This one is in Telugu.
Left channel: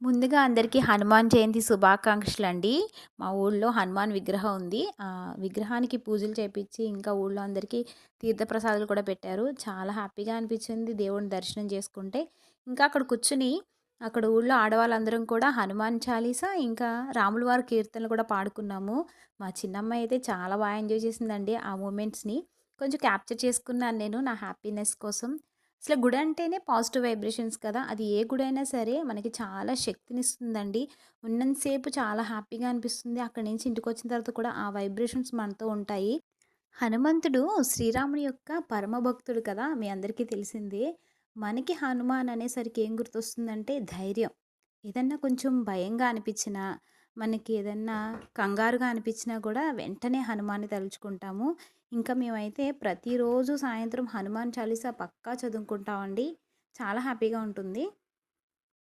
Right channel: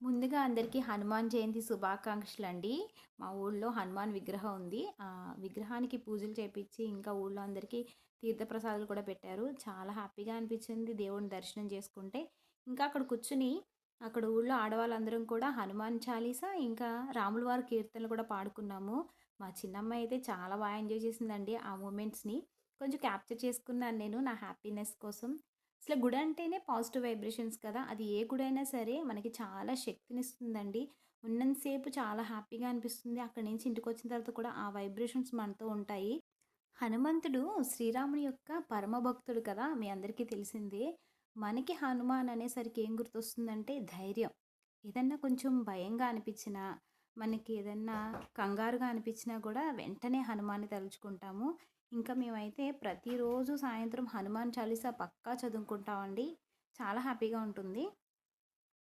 ముందుగా అందరికీ హనుమాన్ జయంతి శుభాకాంక్షలండి. మా ఊళ్ళో హనుమాన్ విగ్రహం ఉంది. విగ్రహానికి పూజలు చేపిచ్చి, ఇంకా ఊళ్ళో అందరికీ తీర్థప్రసాదాలు కూడా పెట్టారు. చాలా హ్యాపీగా అనిపించింది దేవుడిని దర్శనం చేసుకుంటే. ఇంకా అక్కడ కూర్చొని, అక్కడ ఊళ్ళో ఆడవాళ్ళందరం కూడా హనుమాన్ చాలీసా, ఇంకా రాముల వారి కీర్తనలు కూడా పాడుకున్నాము. మా చిన్నమ్మాయి అయితే చాలా బాగా ఎంజాయ్ చేసిందండి ఆ మూమెంట్స్‌ని. కొంచెం క్యాప్చర్ చేసుకున్నాను నేను నా హ్యాపీనెస్ కోసం. అసలు గుడి అంటేనే పాజిటివ్ వైబ్రేషన్స్ కదా! అది ఏ గుడైనా సరే మనకి చాలా శక్తినిస్తుందండి. ఉన్నంత సేపు చాలా హ్యాపీగా అనిపిస్తుంది. అక్కడి నుంచి ఇంటికొచ్చిన తర్వాత కూడా ఆ వైబ్రేషన్స్ మనతో ఉంటాయి. హనుమంతుడు శ్రీరాముని యొక్క పరమ భక్తుడు కదా! మీ అందరికీ తెలిసిందే. మనకి హనుమాన్ అనేసరికి ఏం గుర్తొస్తుందంటే ధైర్యం. ఏదన్నా కొంచెం భయంగా అనిపించినా, మనకి ఏదన్నా కంగారుగా అనిపించినా కూడా వెంటనే హనుమాన్‌ని తలుచుకుంటాము. ఇంకా మేమైతే ప్రతిరోజు సాయంత్రం హనుమాన్ చాలీసా పక్కా చదువుకుంటామండి. చాలా హ్యాపీగా ఉంటుంది.